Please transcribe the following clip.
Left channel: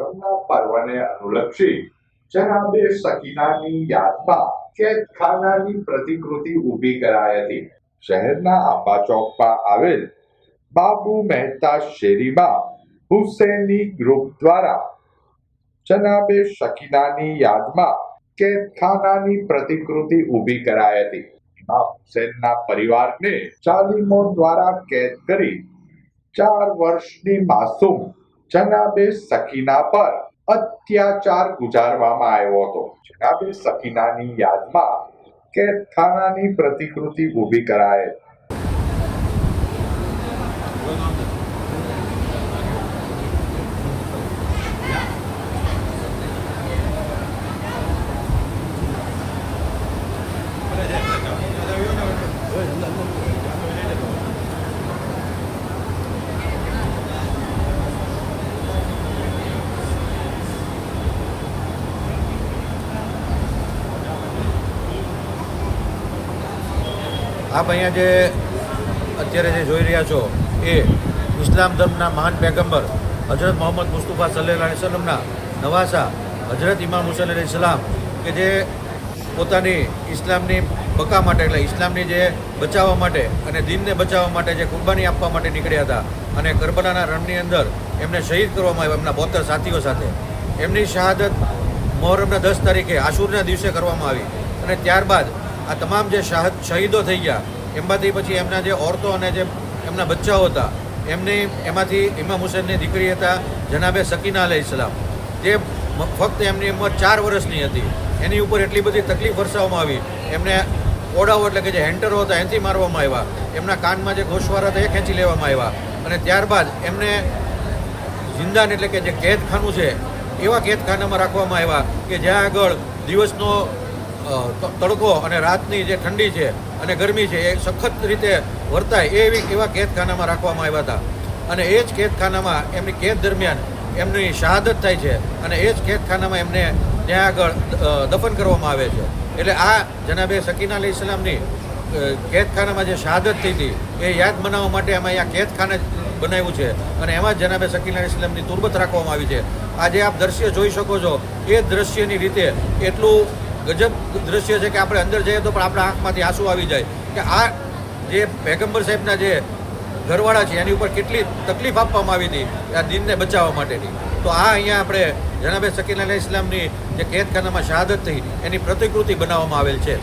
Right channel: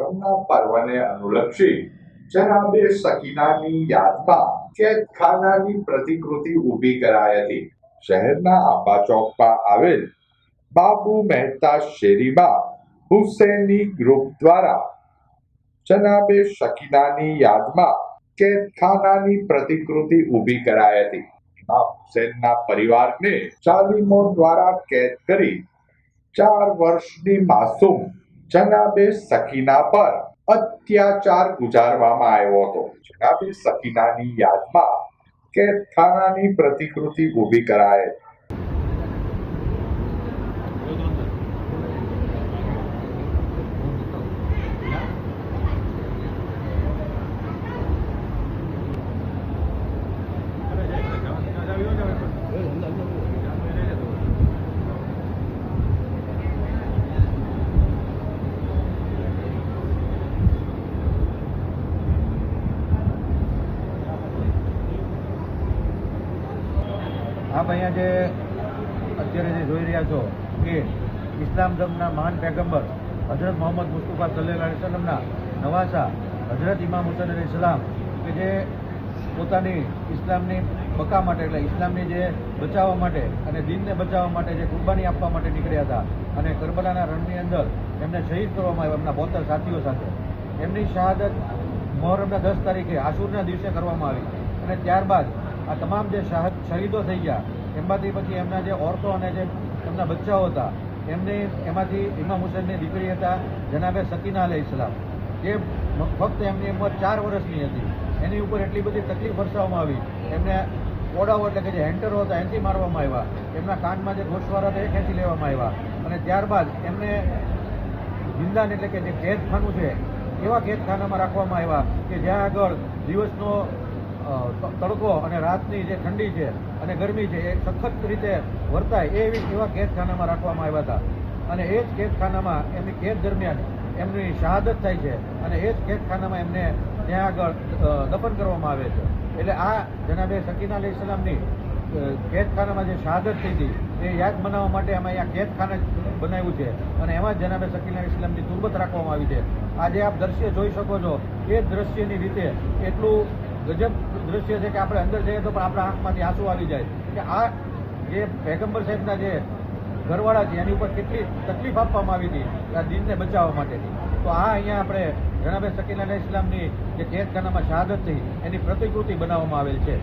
મોહરમના પર્વને અનુલક્ષી જનાબે સકીનાની યાદમાં કેદખાનાની પ્રતિકૃતિ ઊભી કરાઈ હતી. શહેરના આંબા ચોકમાં આવેલ બાબુ મહેતા શેરીમાં હુસૈની ગ્રુપ દ્વારા જનાબે સકીનાની યાદમાં કેદખાનાની પ્રતિકૃતિ ઊભી કરાઈ હતી. ઇમામ હુસૈનના પરિવારને જાલિમો દ્વારા કેદ કરી 4 વર્ષની માસૂમ જનાબે સકીના પર અત્યાચાર ગુજારવામાં આવ્યો હતો. જનાબે સકીનાની યાદમાં કેદખાનાની પ્રતિકૃતિ ઊભી કરાઈ. આપ અહીંયા જે અત્યારે જે જોઈ રહ્યા છો એ ઇસ્લામ ધર્મના મહાન પૈગંબર હજરત મોહમ્મદ મુસ્તફા સલ્લલ્લાહુ અલૈહિ વસલ્લમના નવાસા હજરત ઇમામ હુસૈન અલૈહિ સલામ કે જે પોતાની ઇસ્લામની બકા માટે એટલે ઇસ્લામની જે બચાવવા માટે અને દીનને બચાવવા માટે જે કુરબાની આપવા માટે નીકળ્યા હતા અને કરબલાના રણની અંદર એમને શહીદ કરવામાં આવ્યા એમના 72 સાથીઓ સાથે. એમની શહાદત મોહરમના 10 તારીખે આશુરના દિવસે કરવામાં આવી અને ત્યારબાદ આ તમામ જે શહીદો થઈ ગયા એમાંથી પછી એમના જે ઓરતો અને જે એમના બચ્ચાઓ હતા એમાંથી ઇમામ હુસૈનની દીકરી હતા જનાબે સકીના અલૈહિસ્સલામ. જે ફક્ત એમની ઉંમર 4 વર્ષની હતી. એની ઉપર એટલી બધી તકલીફ વરસાવવામાં આવી. એમને ઓડાઓ એટલે કે જે હેન્ટરો હતા એનાથી મારવામાં આવ્યા. એમના કાનમાં જે ગોશવારા હતા એ ખેંચી લેવામાં આવ્યા અને ત્યારબાદ એમને જિંદાન એટલે કે જે કેદખાનું છે એવા કેદખાનામાં રાખવામાં આવ્યા કે જ્યાં આગળ દિવસનો તડકો અને રાતની જે ઠંડી છે અને ગરમી છે એ સખત રીતે વર્તાય એવા કેદખાનામાં રાખવામાં આવ્યા હતા. અને એ જ કેદખાનામાં એમની કેદ દરમિયાન એમની શહાદત થાય છે અને એ જ કેદખાનામાં એમને ત્યાં આગળ દફન કરવામાં આવે છે. એટલે આ જનાબે સકીના અલૈહિસ્સલામની કેદખાનામાં જે શહાદત થઈ હતી એ યાદ મનાવવા માટે અમે અહીંયા કેદખાને બનાવ્યું છે અને એમાં જનાબે સકીના અલૈહિસ્સલામની તુરબત રાખવામાં આવી છે. આજે આપ દ્રશ્ય જોઈ શકો છો એ દ્રશ્યની રીતે એટલું ગજબ દ્રશ્ય છે કે આપણે અંદર જઈએ તો પણ આપણા આંખમાંથી આંસુ આવી જાય કે આ જે પૈગંબર સાહેબના જે ઘરવાળા છે એની ઉપર કેટલી તકલીફ આપવામાં આવી હતી આ દીનને બચાવવા માટેની. તો આ અહીંયા આપણે જનાબે સકીના અલૈહિસ્સલામની જે કેદખાનામાં શહાદત થઈ એની પ્રતિકૃતિ બનાવવામાં આવેલ છે.